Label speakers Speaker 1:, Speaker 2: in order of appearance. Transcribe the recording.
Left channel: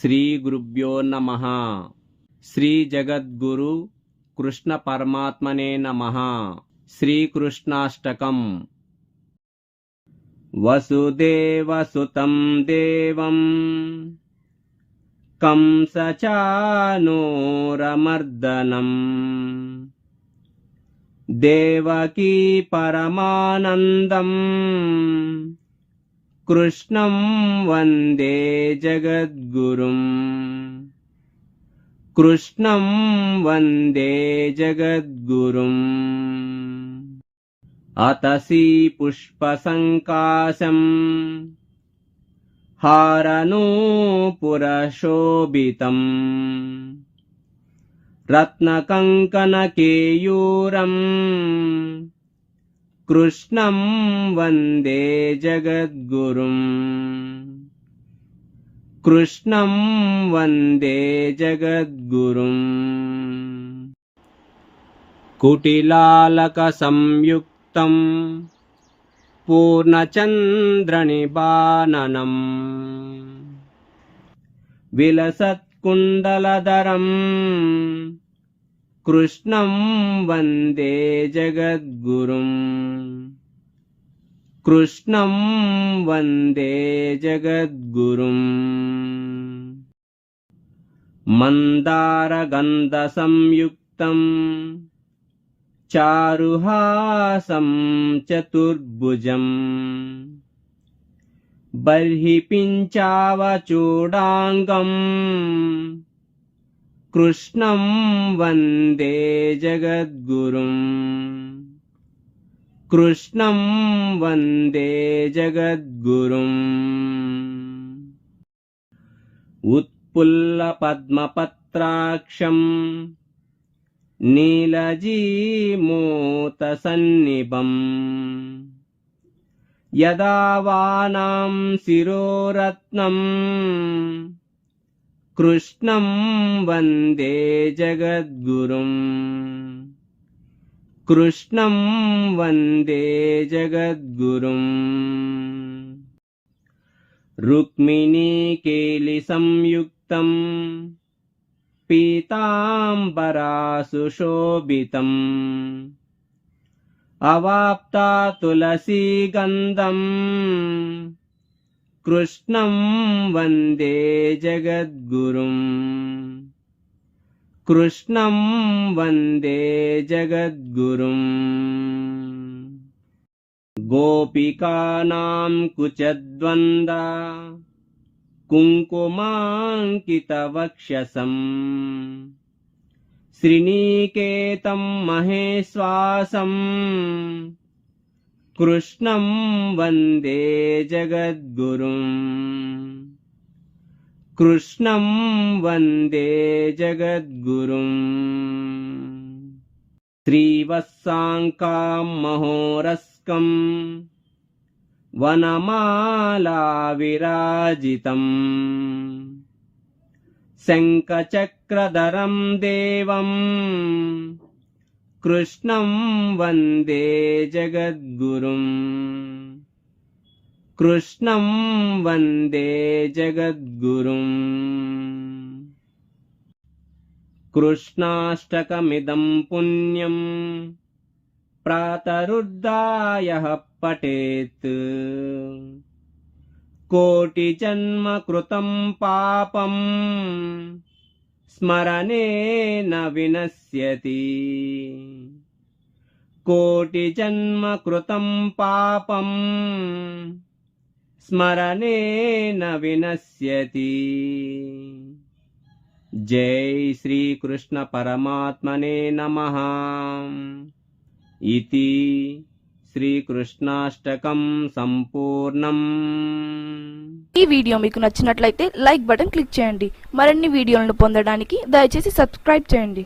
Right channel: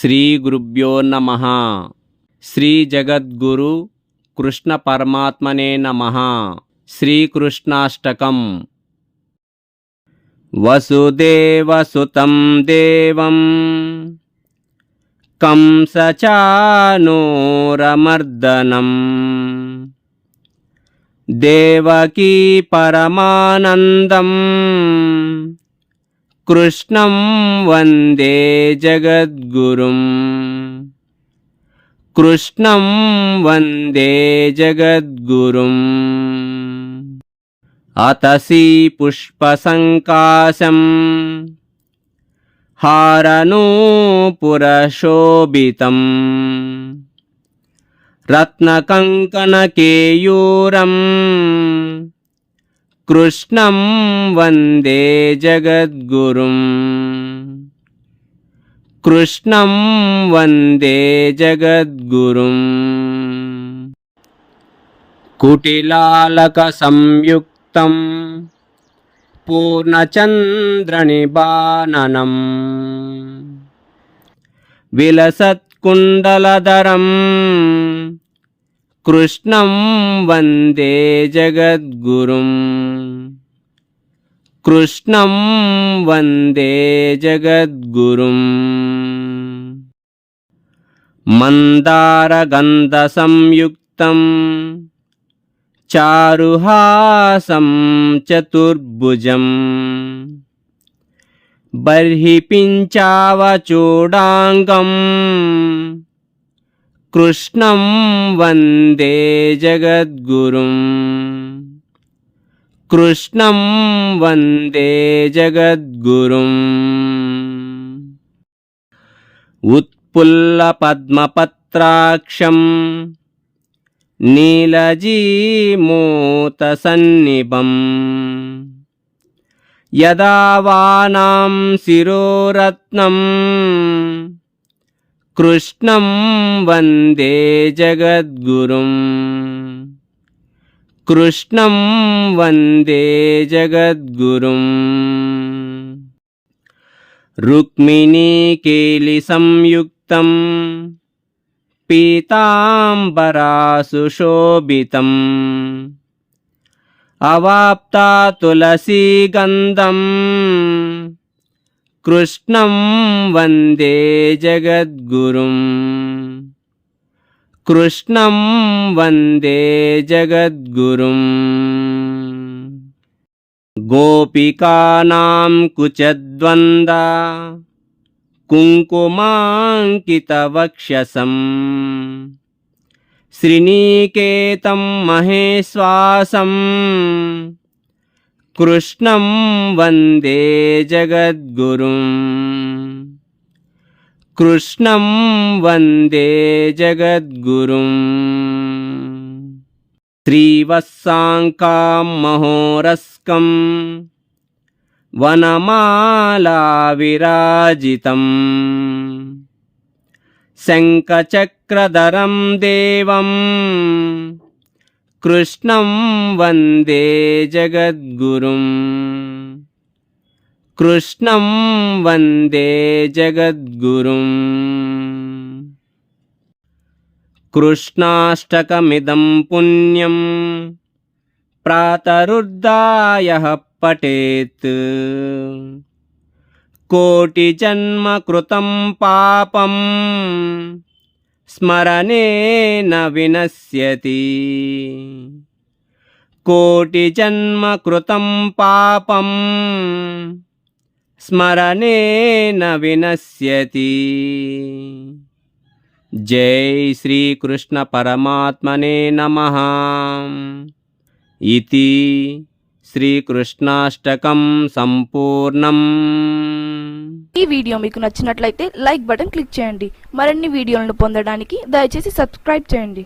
Speaker 1: శ్రీ గురుభ్యో నమ. శ్రీ జగద్గురు కృష్ణ పరమాత్మనే నమ. శ్రీకృష్ణాష్టకం. వసుదేవసుతం దేవం. కంసచానోరమర్దనం. దేవకీ పరమానందం. कृष्णं वन्दे जगद्गुरुम्। कृष्णं वन्दे जगद्गुरुम्। अतसि पुष्पसङ्काशम्। हारनूपुरशोभितम् रत्नकङ्कणकेयूरम्। కృష్ణం వందే జగద్గురుం. కృష్ణం వందే జగద్గురుం. కుటిలాలక సంయుక్తం పూర్ణచంద్రనిబాననం విలసత్కుండలధరం కృష్ణం వందే జగద్గురుం. కృష్ణం వందే జగద్గురుం. మందారగంధసంయుక్తం చారుహాసం చతుర్భుజం. బర్హి పించావచూడాంగం కృష్ణం వందే జగద్గురుం. కృష్ణం వందే జగద్గురుం. ఉత్పుల్లపద్మపత్రాక్షం నీలజీమూతసన్నిభం. యదా వానాం శిరోరత్నం. कृष्णं वन्दे जगद्गुरुम्। कृष्णं वन्दे जगद्गुरुम्। पीताम्बरा पीताम्बरासुशोभितम्। अवाप्ता तुलसीगन्धम्। कृष्णं वन्दे जगद्गुरुं कृष्णं वन्दे जगद्गुरुम्। गोपिकानां कुचद्वन्दा कुङ्कुमाङ्कितवक्षसम्। श्रीनिकेतं महेश्वासं कृष्णं वन्दे जगद्गुरुं कृष्णं वन्दे जगद्गुरुम् श्रीवत्साङ्कां महोरस्कं वनमालाविराजितम् शङ्खचक्रधरं కృష్ణం వందే జగద్గురుం. కృష్ణం వందే జగద్గురుం. కృష్ణాష్టకమిదం పుణ్యం ప్రాతరుద్ధాయ పఠేత్. కోటిజన్మకృతం పాపం స్మరణేన వినశ్యతి. కోటి జన్మ కృతం పాపం స్మరణేన వినశ్యతి. జై శ్రీకృష్ణ పరమాత్మనే నమ. ఇది శ్రీకృష్ణాష్టకం సంపూర్ణం.
Speaker 2: ఈ వీడియో మీకు నచ్చినట్లయితే లైక్ బటన్ క్లిక్ చేయండి. మరిన్ని వీడియోలను పొందడానికి దయచేసి సబ్స్క్రైబ్ చేయండి.